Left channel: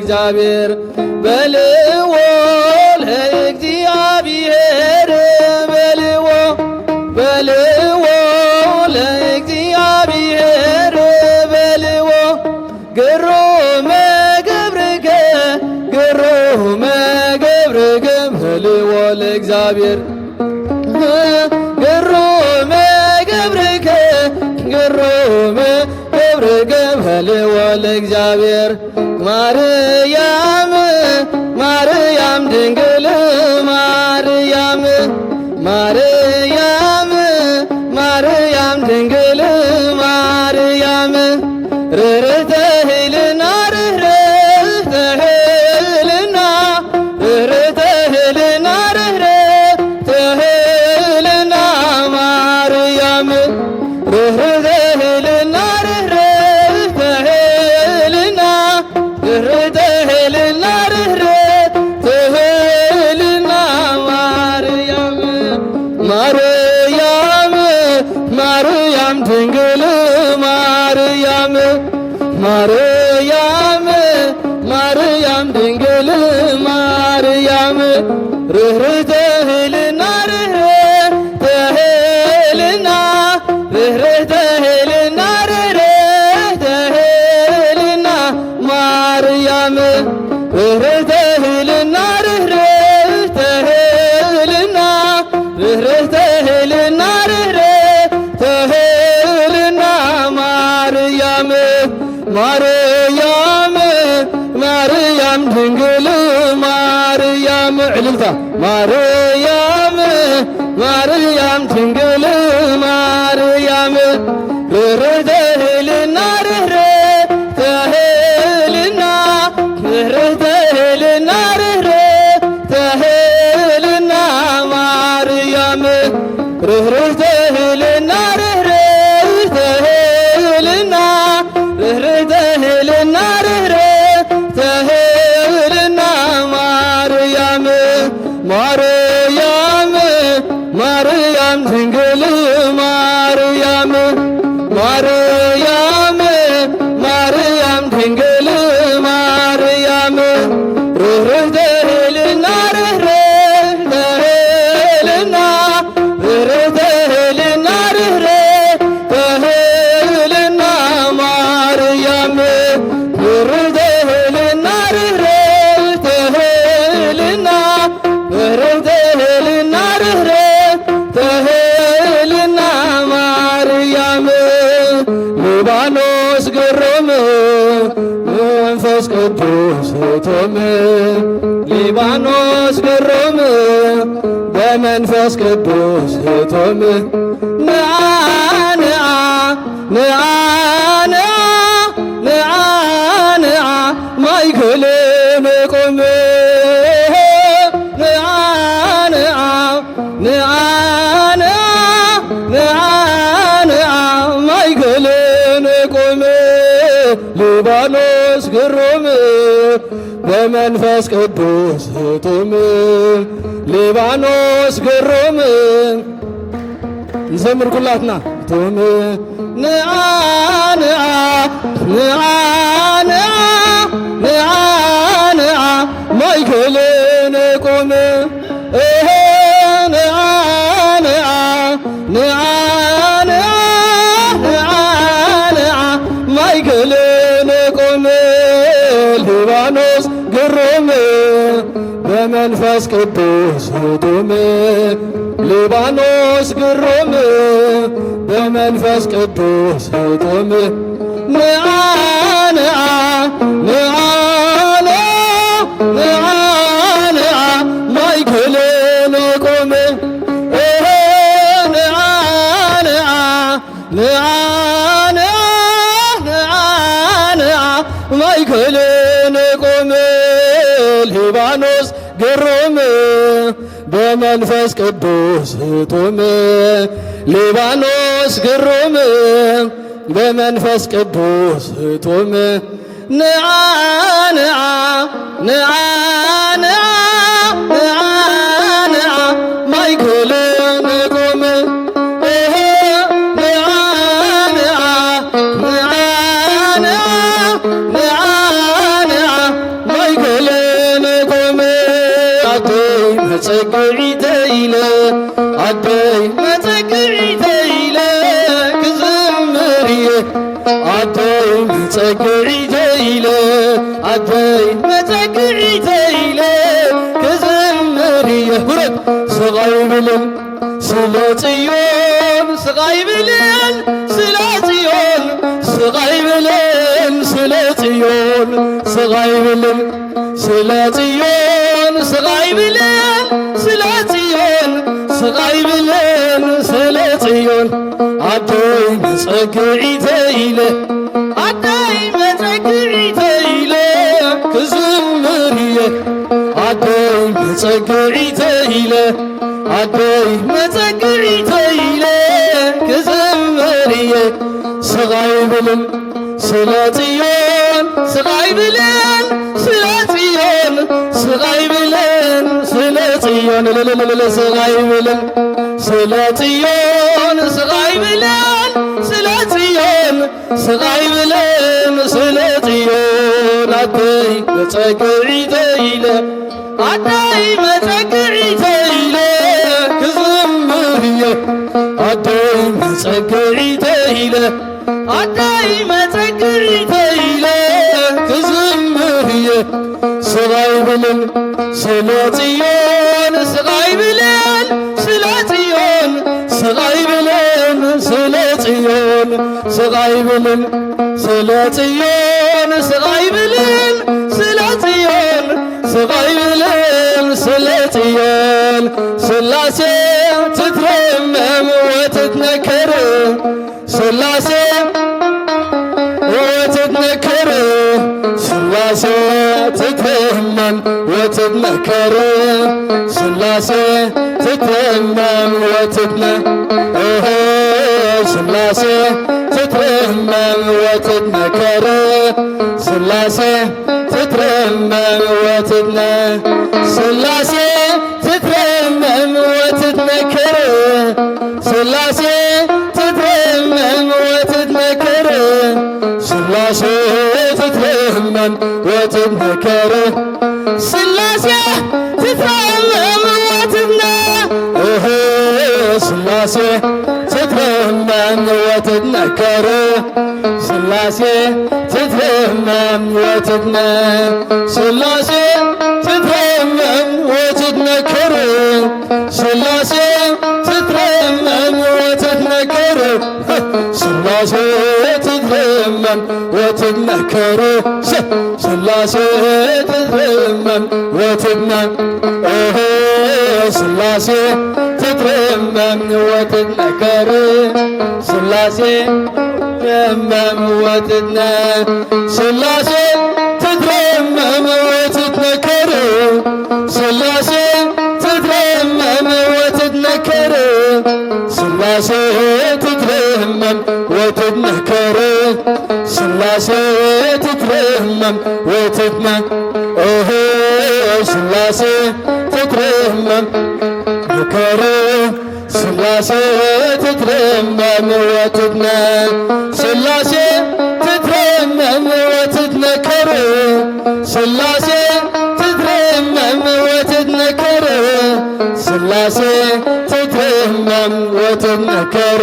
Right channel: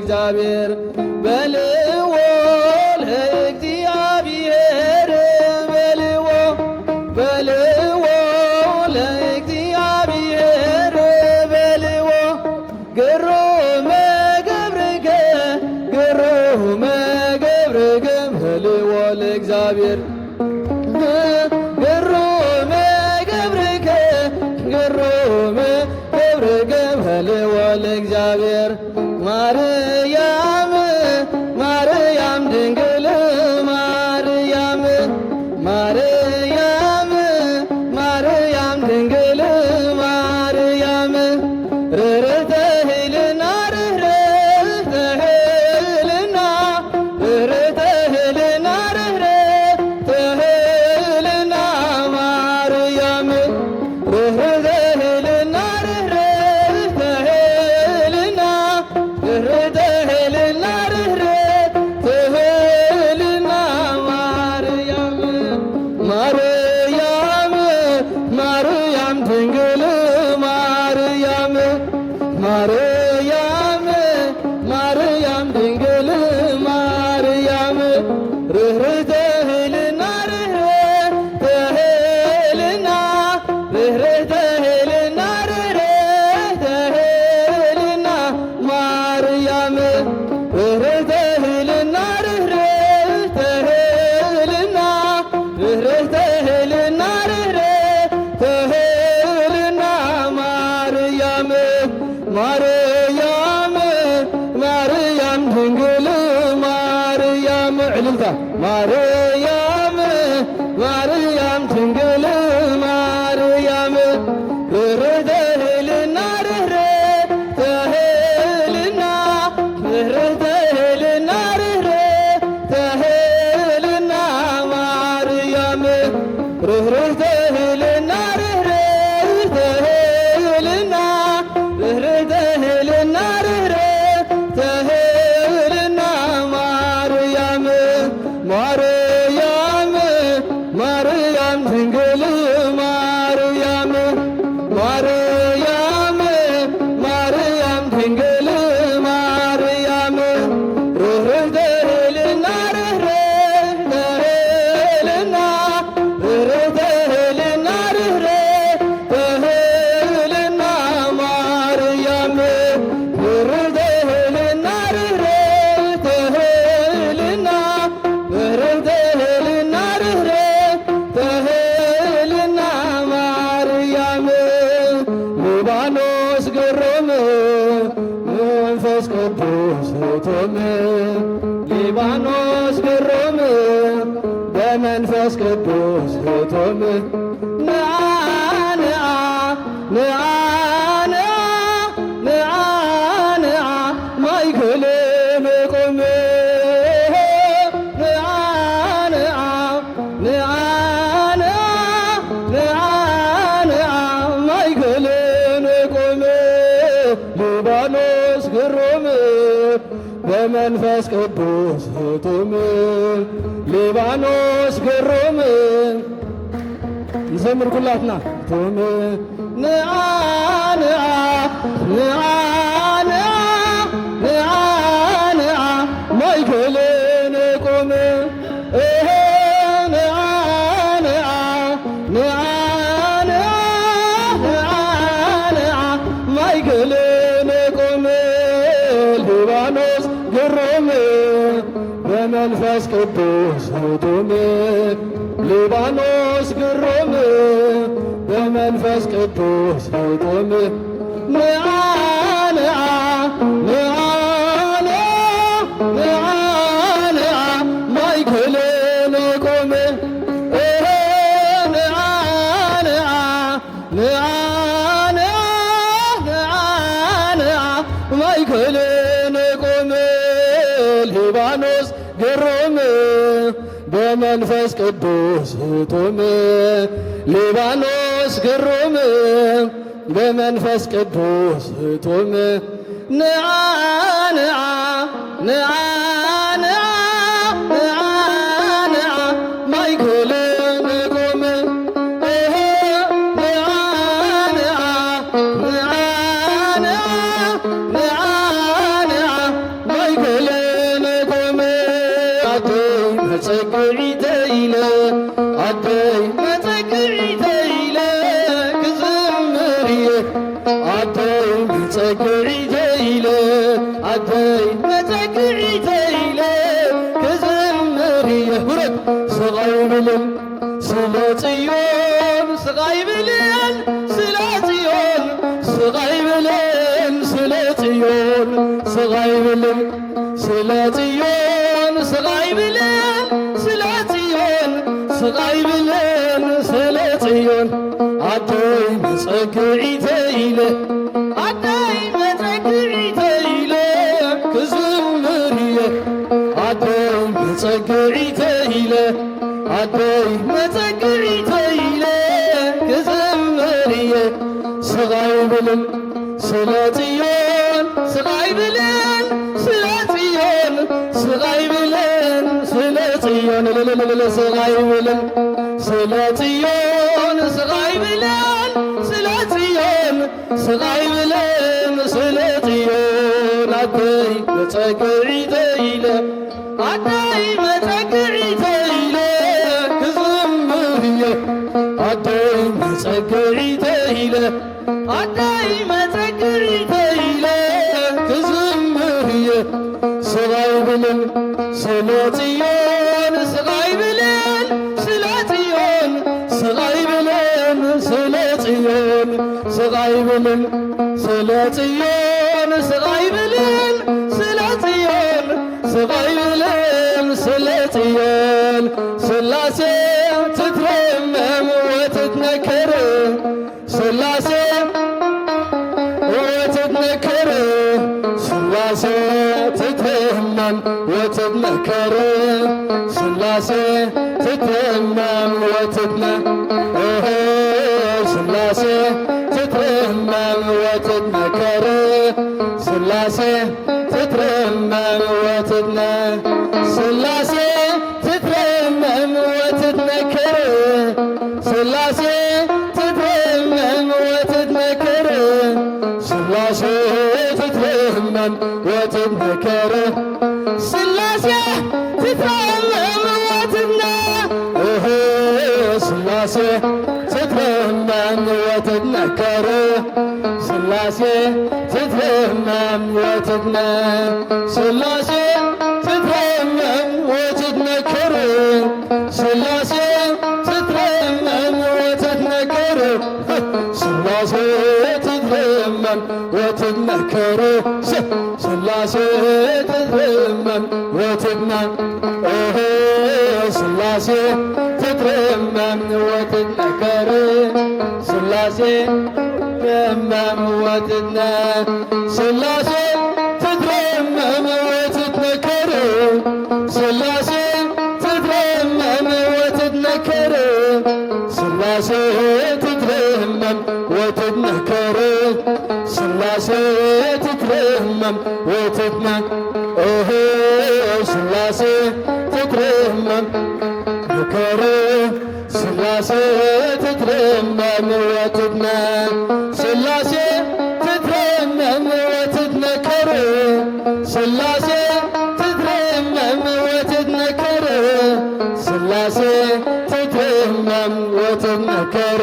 ለእግዚአብሔር በልዎ ለእግዚአብሔር በልዎ ለእግዚአብሔር በልዎ ግሩመ ገብርከ በልዎ ለእግዚአብሔር ግሩመ ገብርከ በልዎ ለእግዚአብሔር ማርያም ድንግል ማርያም ድንግል ማርያም ርርተ ሄልና ማርያም ድንግል ማርያም ድንግል ማርያም ርህርተ ሄልና ማርያም ርህርተ ሄልና ማርያም ድንግል ማርያም ዕልልታ ማርያም ድንግል ማርያም ርህርተ ሄልና ማርያም ርህርተ ሄልና ማርያም ድንግል ማርያም ድንግል ማርያም ርህርተ ሄልና ማርያም ርህርተ ሊባኖስ ግሩም መንፈስ ቅዱስ ቶመ ሊባኖስ ግሩም በመንፈስ ቅዱስ ቶመ ማይክል ቆመ ሊባኖስ ግሩም በመንፈስ ቅዱስ ጡም ሊባኖስ ግሩም እንዘምር ኩላትና ጡም ማይክልን ቆመ ማይክልን ቆመ ሊባኖስ ግሩም በመንፈስ ቅዱስ ጡም ሊባኖስ ግሩም በመንፈስ ቅዱስ ጡም ማይክልን ቆመ ማይክልን ቆመ ሊባኖስ ግሩም በመንፈስ ቅዱስ ጡም ሊባኖስ ግሩም በመንፈስ ቅዱስ ጡም ማይክልን ቆመ ስቃይ ብለን ስለ ጽዮን ስቃይ ብለን ስለ ጽዮን ስቃይ ብለን ስለ ጽዮን ስቃይ ብለን ስለ ጽዮን ስቃይ ብለን ስለ ጽዮን አደይ መጸግዒተ ኢለ አደይ መጸግዒተ ኢለ ክዝምርየ አደይ መጸግዒተ ኢለ አደይ መጸግዒተ ኢለ ክዝምርየ ስቃይ ብለን ስለ ጽዮን ስቃይ ብለን ስለ ጽዮን ስቃይ ብለን ስለ ጽዮን ስቃይ ብለን ስለ ጽዮን ስቃይ ብለን ስለ ጽዮን ስቃይ ብለን ስለ ጽዮን አደይ መጸግዒተ ኢለ አደይ መጸግዒተ ኢለ ክዝምርየ አደይ መጸግዒተ ኢለ አደይ መጸግዒተ ኢለ ክዝምርየ ስቃይ ብለን ስለ ጽዮን ስቃይ ብለን ስለ ጽዮን ስቃይ ብለን ስለ ጽዮን ስቃይ ብለን ስለ ጽዮን ስቃይ ብለን ስለ ጽዮን ስቃይ ብለን ስለ ጽዮን ሥላሴ ትትረመም ወትትነከር ሥላሴ ወትትነከር ሥላሴ ትትረመም ወትትነከር ሥላሴ ትትረመም ሥላሴ ትትረመም ወትትነከር ሥላሴ ትትረመም ወትትነ ሥላሴ ትትረመም ወትትነከር ሥላሴ ትትረመም ወትትነከር ሥላሴ ትትረመም ወትትነከር ሥላሴ ትትረመም ወትትነ ሥላሴ ትትረመም ወትትነከር ሥላሴ ትትረመም ወትትነ ሥላሴ ትትረመም ወትትነከር ሥላሴ ትትረመም ወትትነከር ሥላሴ ትትረመም ወትትነከር ሥላሴ ትትረመም ወትትነ ሥላሴ ትትረመም ወትትነከር ሥላሴ ትትረመም ወትትነ ሥላሴ ትትረመም ወትትነከር ሥላሴ ትትረመም ወትትነከር ሥላሴ ትትረመም ወትትነከር ሥላሴ ትትረመም ወትትነ ሥላሴ ትትረመም ነከር ሥላሴ ትትረመም ወትትነ ሥላሴ ትትረመም ወትትነከር ሥላሴ ትትረመም ወትትነከር ሥላሴ ትትረመም ወትትነከር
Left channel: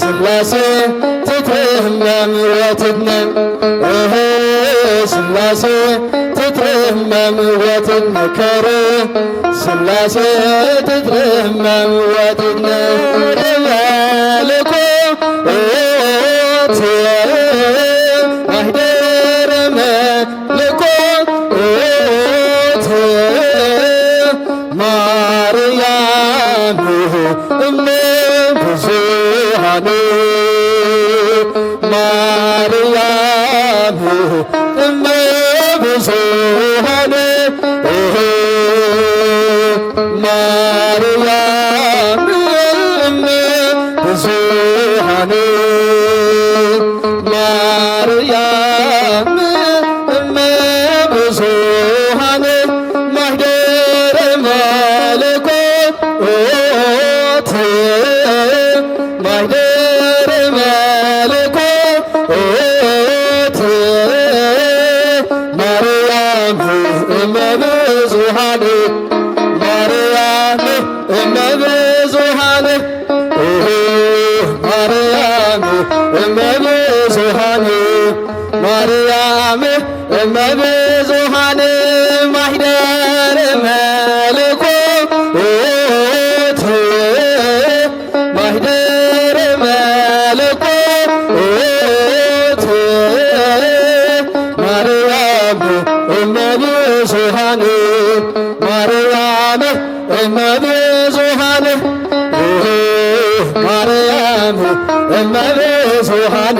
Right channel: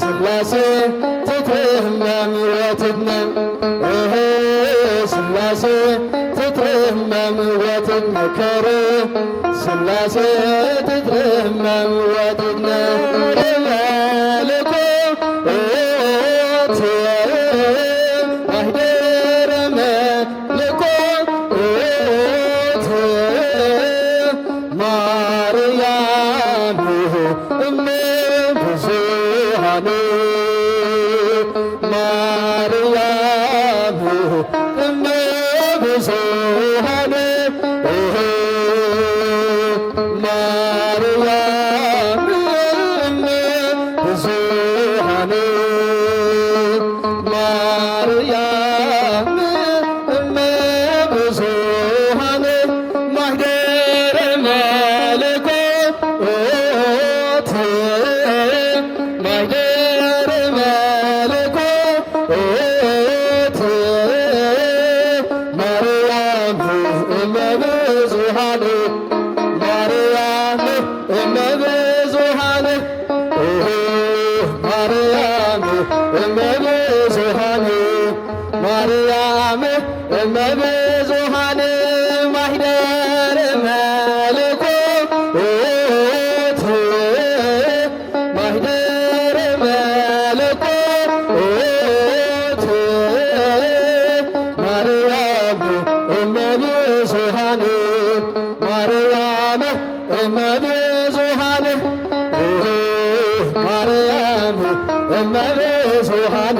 ሥላሴ ትትረመም ወትትነ ሥላሴ ትትረመም ወትትነከር ሥላሴ ትትረመም ወትትነ ማኅደረ መለኮት ማርያም እመ ብዙኃን ማርያም እመ ብዙኃን ማርያም እመ ብዙኃን ማርያም እመ ብዙኃን ማኅደረ መለኮት ማኅደረ መለኮት ማርያም እመ ብዙኃን ማርያም እመ ብዙኃን ማርያም እመ ብዙኃን ማርያም እመ ብዙኃን ማኅደረ መለኮት ማኅደረ ማርያም እመብዙኃን